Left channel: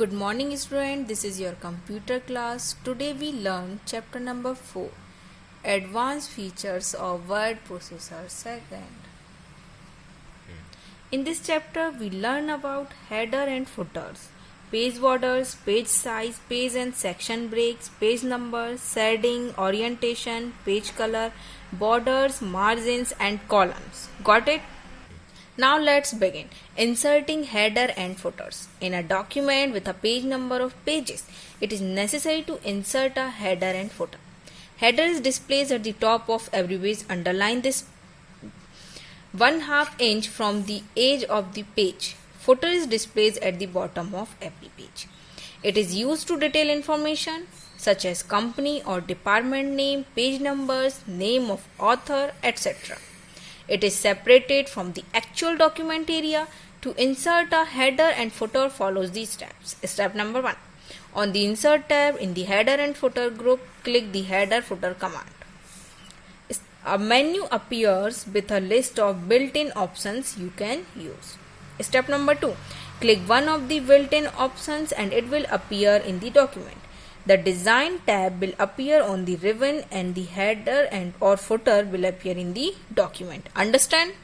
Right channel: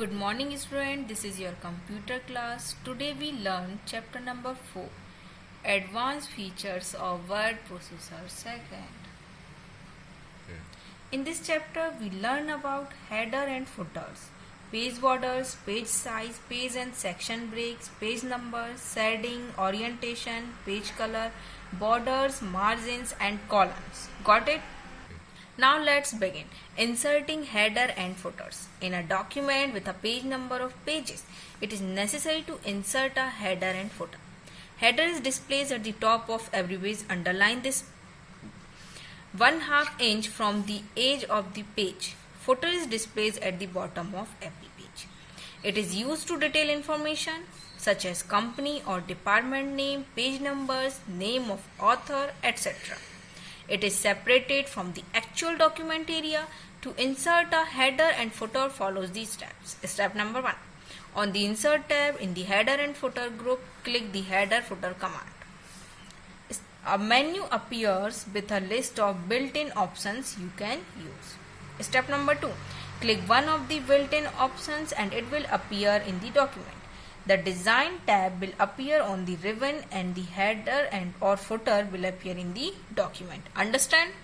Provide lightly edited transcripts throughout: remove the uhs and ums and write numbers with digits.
Good morning student, this is your computer class. Today we learn chapter number 4, Advanced Features of Word Processor Second. In this chapter we learn about header and footers, page borders, page size, page and section breaks, page numbers, shading, orientation, page color, borders, margins and columns. Got it? Now let's begin. Inserting header and footers. In a document with a page number of pages, it is necessary to insert a header and footer. Header is displayed at the top of every page. Underline this 1/2 inch from the edge of the page. Footer is displayed at the bottom of every page. It is used to detail information such as company or department name, page numbers, name of author, etc. It is separated from the actual document area. To insert a header and footer follows these steps. Step number 1. On the Insert tab in the Header and Footer group, click the Header Footer command. A menu appears with a list of built-in options you can use. Step number 2. Click one of the built-in options and it will appear in the document. The Design tab will appear on the ribbon and the header and or footer will appear in the document. Understand?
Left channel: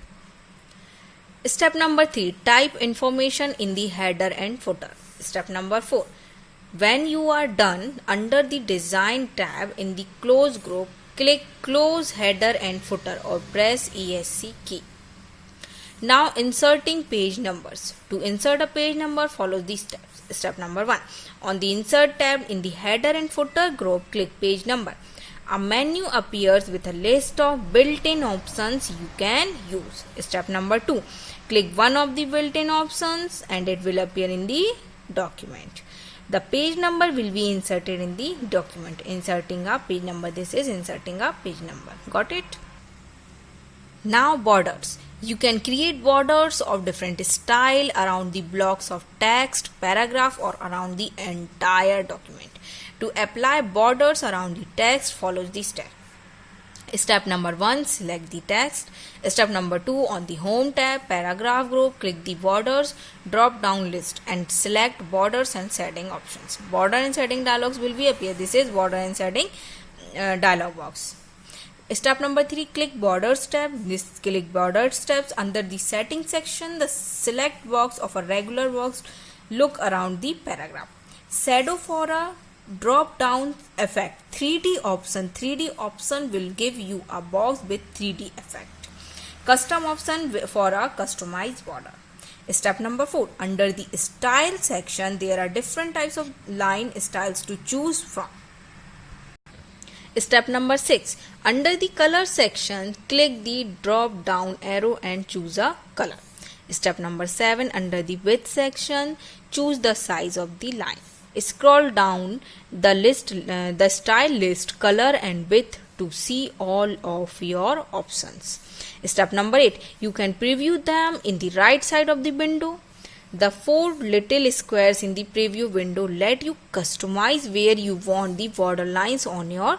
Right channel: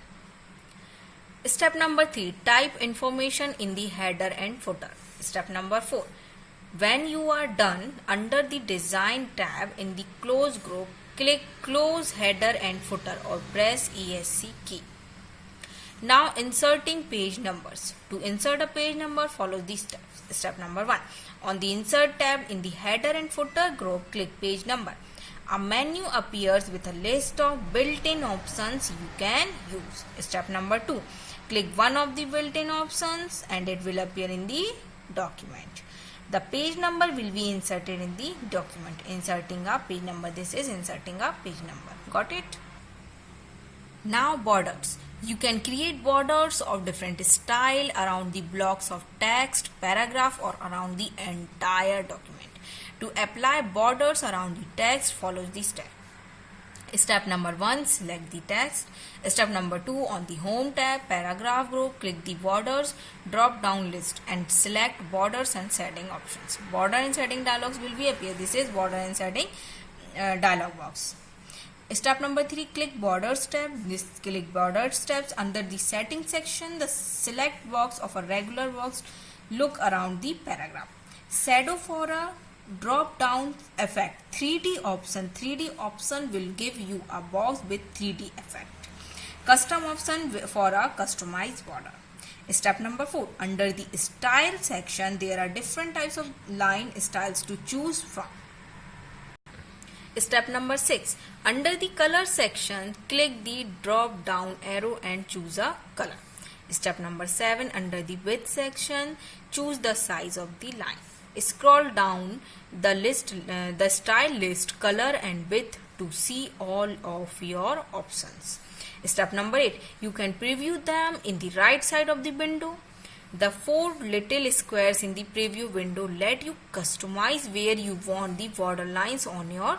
Step number 3. Type information in the header and footer. Step number 4. When you are done, under the Design tab in the Close group, click Close Header and Footer or press ESC key. Now inserting page numbers. To insert a page number, follow these steps. Step number 1. On the Insert tab in the Header and Footer group, click Page Number. A menu appears with a list of built-in options you can use. Step number 2. Click one of the built-in options and it will appear in the document. The page number will be inserted in the document. Inserting a page number. This is inserting a page number. Got it? Now borders. You can create borders of different style around the blocks of text, paragraph or around the entire document. To apply borders around the text, follow the step. Step number 1. Select the text. Step number 2. On the Home tab, Paragraph group, click the Borders drop down list and select Borders and Shading options. Border and Shading dialogs will be appear. This is Border and Shading dialog box. Step number 3. Click Borders tab. Click Borders tabs under the Settings section. The select box of a regular box. Look around the paragraph. Shadow for a drop down effect. 3D option will give you a box with 3D effect. Custom option for a customized border. Step number 4. Under the Style section, there are different types of line styles to choose from. Step number 6. Under the Color section, click the drop down arrow and choose a color. Step number 7. Under the Width section, choose the size of the line. Scroll down the style list, color and width to see all of your options. Step number 8. You can preview them in the right side of the window. The 4 little squares in the preview window let you customize where you want the border lines on your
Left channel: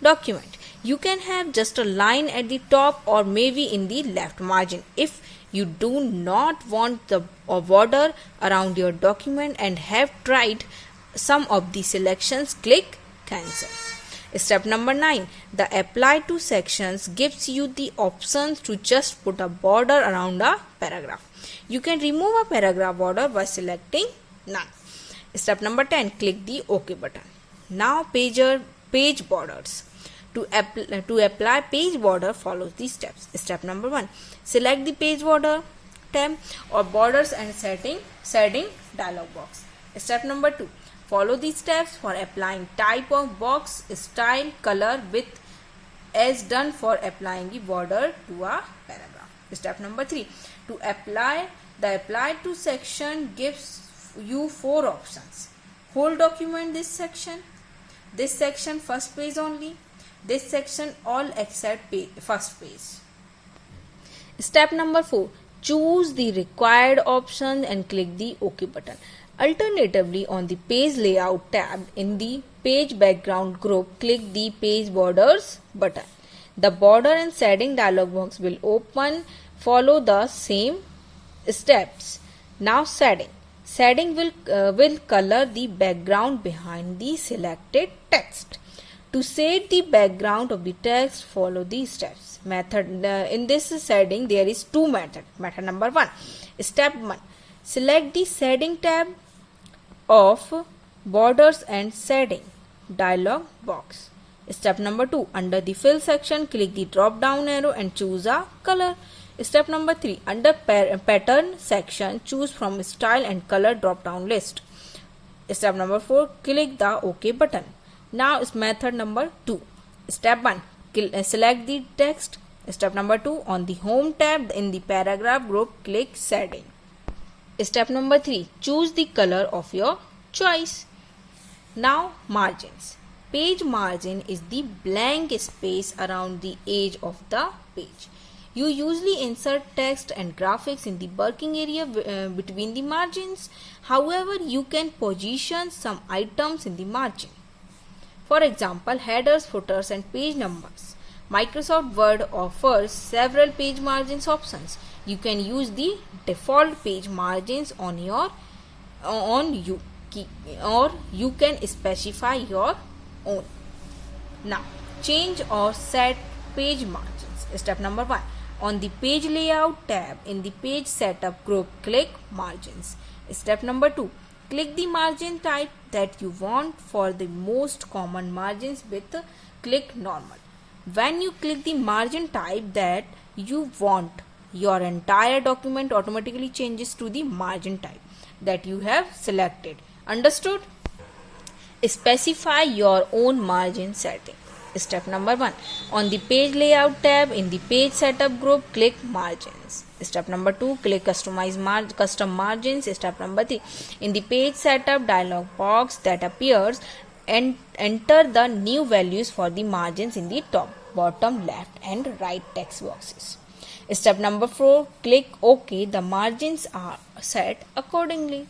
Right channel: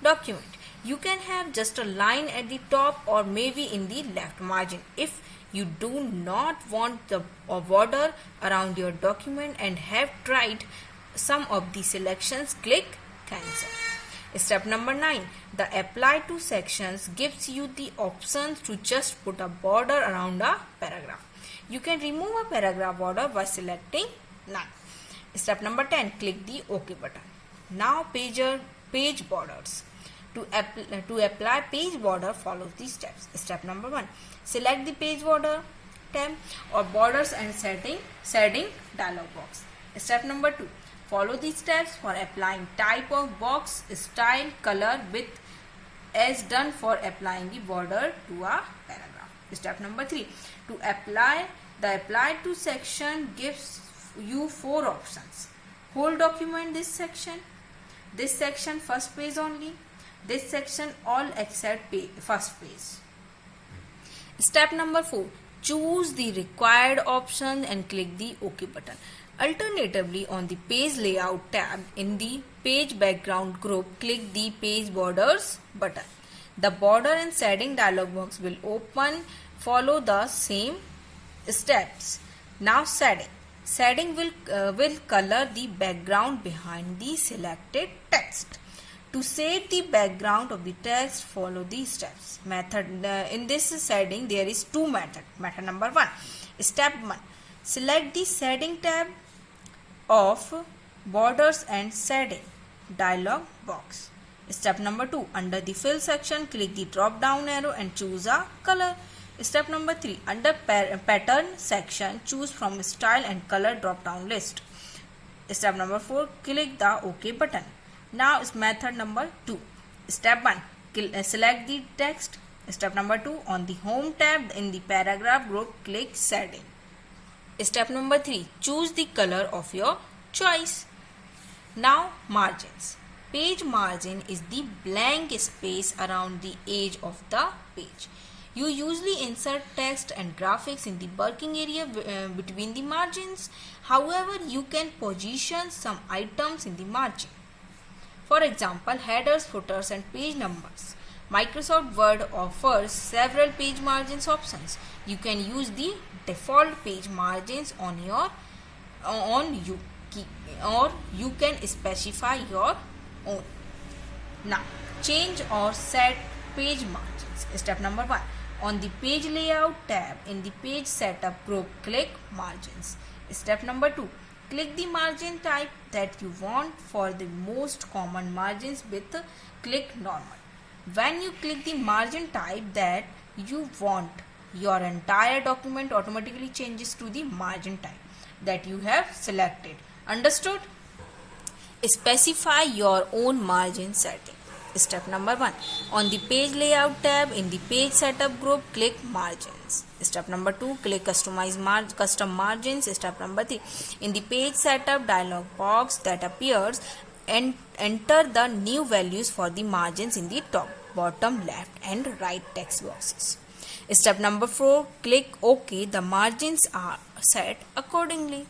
document. You can have just a line at the top or maybe in the left margin. If you do not want a border around your document and have tried some of the selections, click Cancel. Step number 9. The Apply to sections gives you the options to just put a border around a paragraph. You can remove a paragraph border by selecting None. Step number 10. Click the OK button. Now page borders. To apply page border, follow these steps. Step number 1. Select the page border tab or borders and shading dialog box. Step number 2. Follow these steps for applying type of box, style, color, width as done for applying the border to a paragraph. Step number 3. To apply the Apply to section gives you 4 options. Whole document this section first page only, this section all except first page. Step number 4. Choose the required option and click the OK button. Alternatively, on the Page Layout tab in the Page Background group, click the Page Borders button. The Border and Shading dialog box will open. Follow the same steps. Now shading. Shading will color the background behind the selected text. To shade the background of the text, follow these steps. In this shading, there is two methods. Method number 1. Step 1. Select the shading tab of borders and shading dialog box. Step number 2. Under the fill section, click the drop down arrow and choose a color. Step number 3. Under pattern section, choose from style and color drop down list. Step number 4. Click the OK button. Now is method number 2. Step 1. Select the text. Step number 2. On the home tab in the paragraph group, click shading. Step number 3. Choose the color of your choice. Now margins. Page margin is the blank space around the edge of the page. You usually insert text and graphics in the working area between the margins. However, you can position some items in the margin. For example, headers, footers and page numbers. Microsoft Word offers several page margins options. You can use the default page margins or you can specify your own. Now, change or set page margins. Step number 1. On the page layout tab in the page setup group, click margins. Step number 2. Click the margin type that you want. For the most common margins with click normal. When you click the margin type that you want, your entire document automatically changes to the margin type that you have selected. Understood? Specify your own margin setting. Step number 1. On the page layout tab in the page setup group, click margins. Step number 2. Click customize custom margins. Step number 3. In the page setup dialog box that appears, and enter the new values for the margins in the top, bottom, left and right text boxes. Step number 4. Click OK. The margins are set accordingly.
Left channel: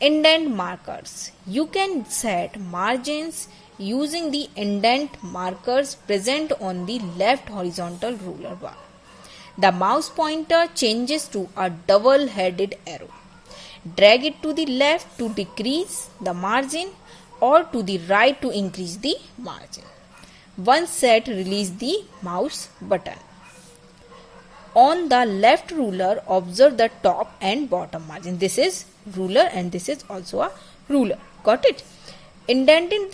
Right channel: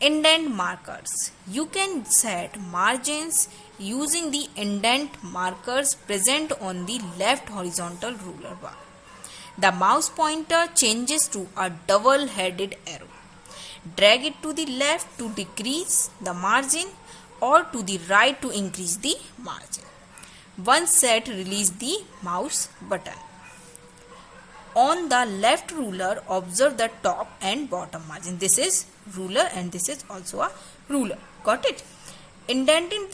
Indent markers. You can set margins using the indent markers present on the left horizontal ruler bar. The mouse pointer changes to a double-headed arrow. Drag it to the left to decrease the margin or to the right to increase the margin. Once set, release the mouse button. On the left ruler, observe the top and bottom margin. This is ruler and this is also a ruler. Got it? Indenting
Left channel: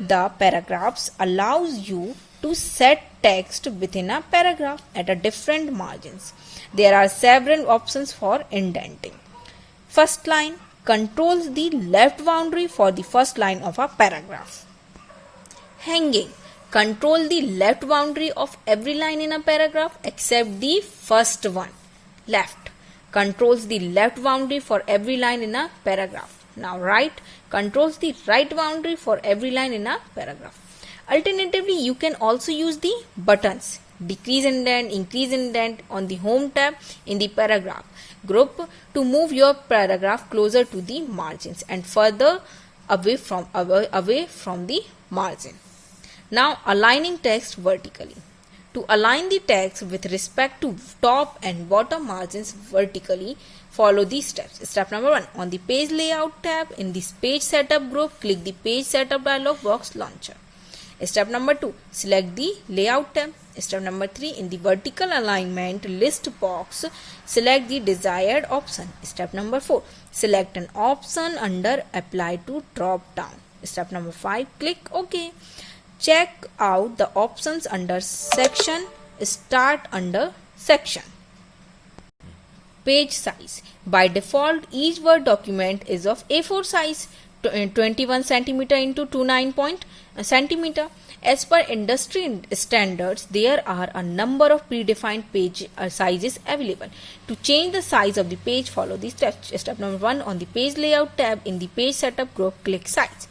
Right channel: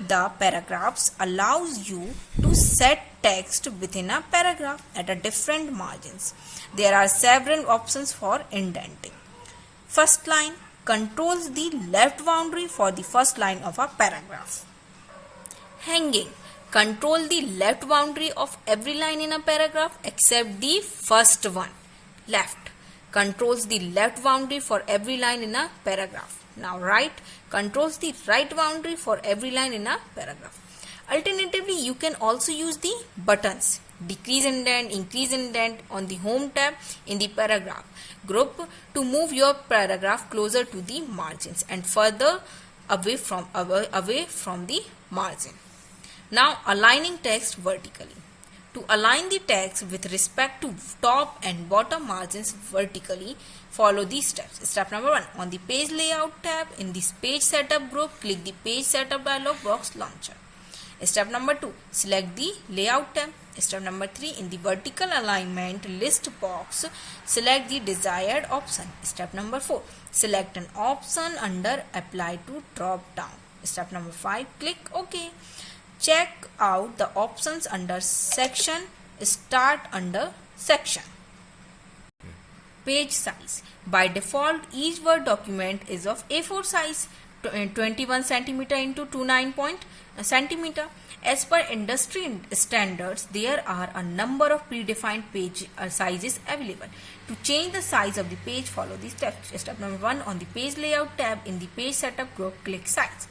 the paragraphs allows you to set text within a paragraph at a different margins. There are several options for indenting. First line controls the left boundary for the first line of a paragraph. Hanging control the left boundary of every line in a paragraph except the first one. Left controls the left boundary for every line in a paragraph. Now right controls the right boundary for every line in a paragraph. Alternatively, you can also use the buttons decrease indent, increase indent on the home tab in the paragraph group to move your paragraph closer to the margins and further away from the margin. Now aligning text vertically. To align the text with respect to top and bottom margins vertically, follow these steps. Step number 1. On the page layout tab in this page setup group, click the page setup dialog box launcher. Step number 2. Select the layout tab. Step number 3. In the vertical alignment list box, select the desired option. Step number 4. Select an option under apply to drop down. Step number 5. Click OK. Check out the options under section. Start under section. Page size. By default, each Word document is of A4 size, 21 cm into 29 cm. As per industry standards, there are a number of predefined page sizes available. To change the size of the page, follow these steps. Step number 1. On the page layout tab in the page setup group, click size.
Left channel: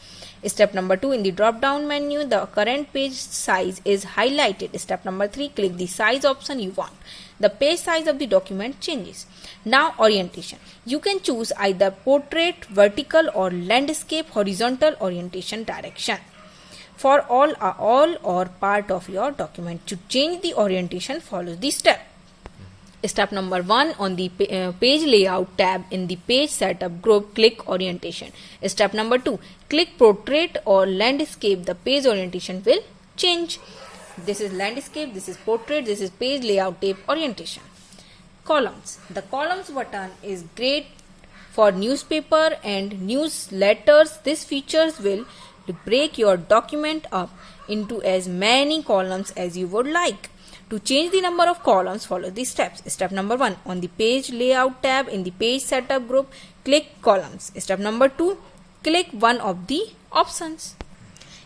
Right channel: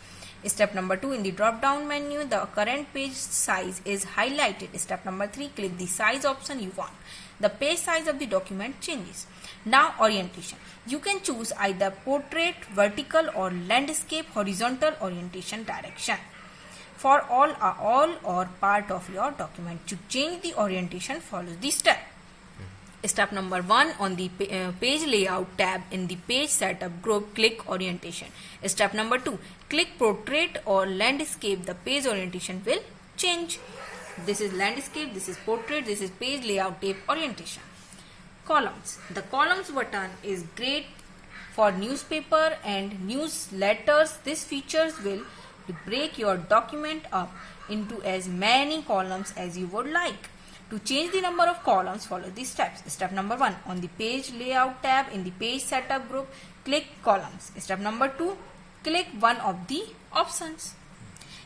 Step number 2. In the drop down menu, the current page size is highlighted. Step number 3. Click the size option you want. The page size of the document changes. Now orientation. You can choose either portrait, vertical or landscape horizontal orientation direction for all or part of your document. To change the orientation, follow this step. Step number 1, on the page layout tab in the page setup group, click orientation. Step number 2, click portrait or landscape. The page orientation will change. This is landscape, this is portrait, this is page layout tab orientation. Columns. The columns button is great for newspaper and newsletters. These features will break your document up into as many columns as you would like. To change the number of columns, follow these steps. Step number 1, on the page layout tab in the page setup group, click columns. Step number 2, click one of the options.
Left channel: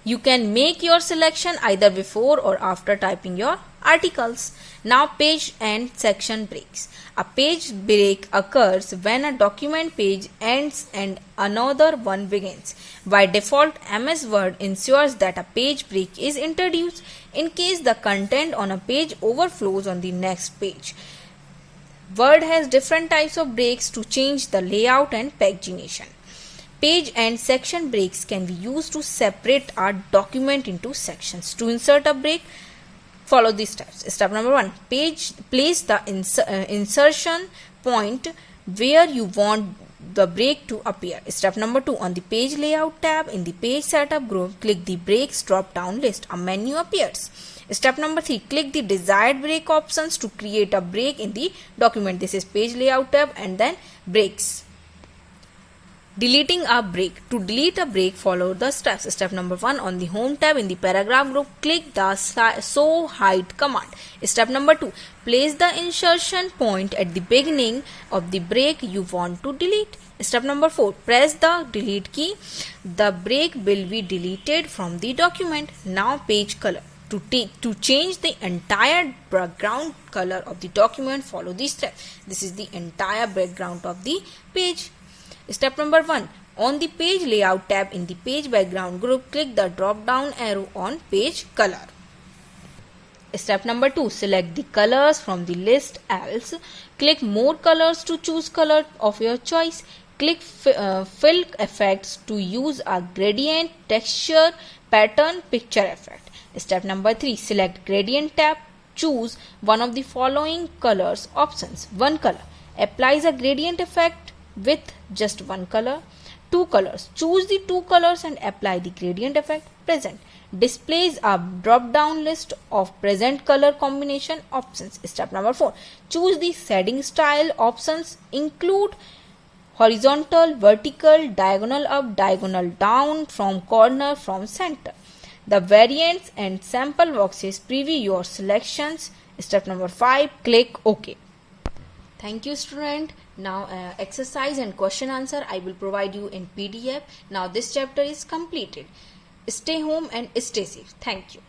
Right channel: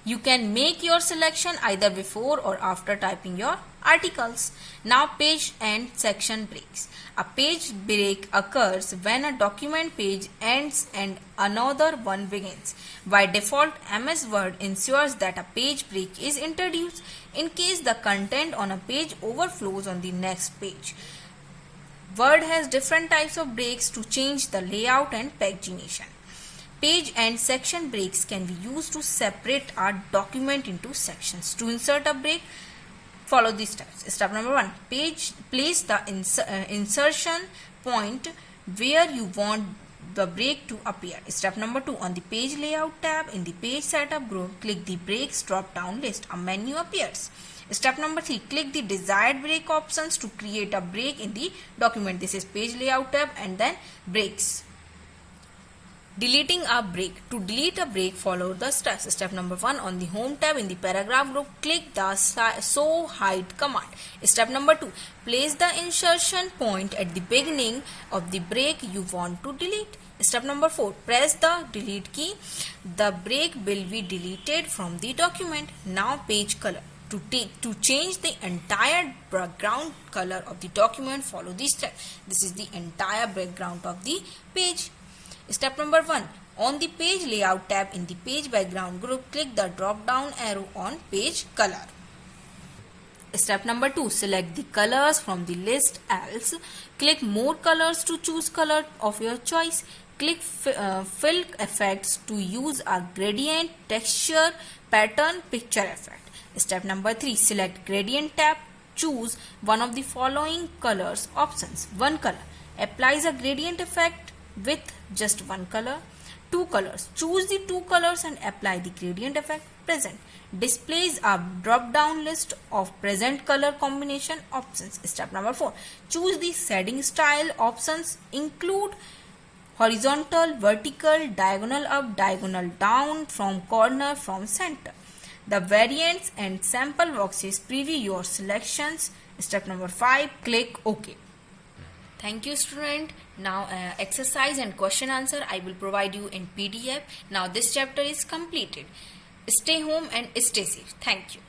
You can make your selection either before or after typing your articles. Now page and section breaks. A page break occurs when a document page ends and another one begins. By default, MS Word ensures that a page break is introduced in case the content on a page overflows on the next page. Word has different types of breaks to change the layout and pagination. Page and section breaks can be used to separate our document into sections. To insert a break, follow these steps. Step number 1, place the insertion point where you want the break to appear. Step number 2, on the page layout tab in the page setup group, click the breaks drop down list. A menu appears. Step number 3, click the desired break options to create a break in the document. This is page layout tab and then breaks. Deleting a break. To delete a break, follow the steps. Step number 1, on the home tab in the paragraph group, click the show height command. Step number 2, place the insertion point at the beginning of the break you want to delete. Step number 4, press the delete key. The break will be deleted from the document. Now page color. To change the entire background color of the document, follow these steps. This is the entire background of the page. Step number 1, on the page layout tab in the page background group, click the drop down arrow on page color. Step number 2, select the colors from the list, else click more colors to choose color of your choice. Click fill effects to use a gradient, texture, pattern, picture effect. Step number 3, select gradient tab, choose one of the following colors options. 1 color applies a gradient effect with just 1 color. 2 colors, choose the 2 colors and apply the gradient effect. Present displays a drop down list of present color combination options. Step number 4, choose the shading style options, include horizontal, vertical, diagonal up, diagonal down, from corner, from center. The variants and sample boxes preview your selections. Step number 5, click OK. Thank you, student. Now exercise and question answer I will provide you in PDF. Now this chapter is completed. Stay home and stay safe. Thank you.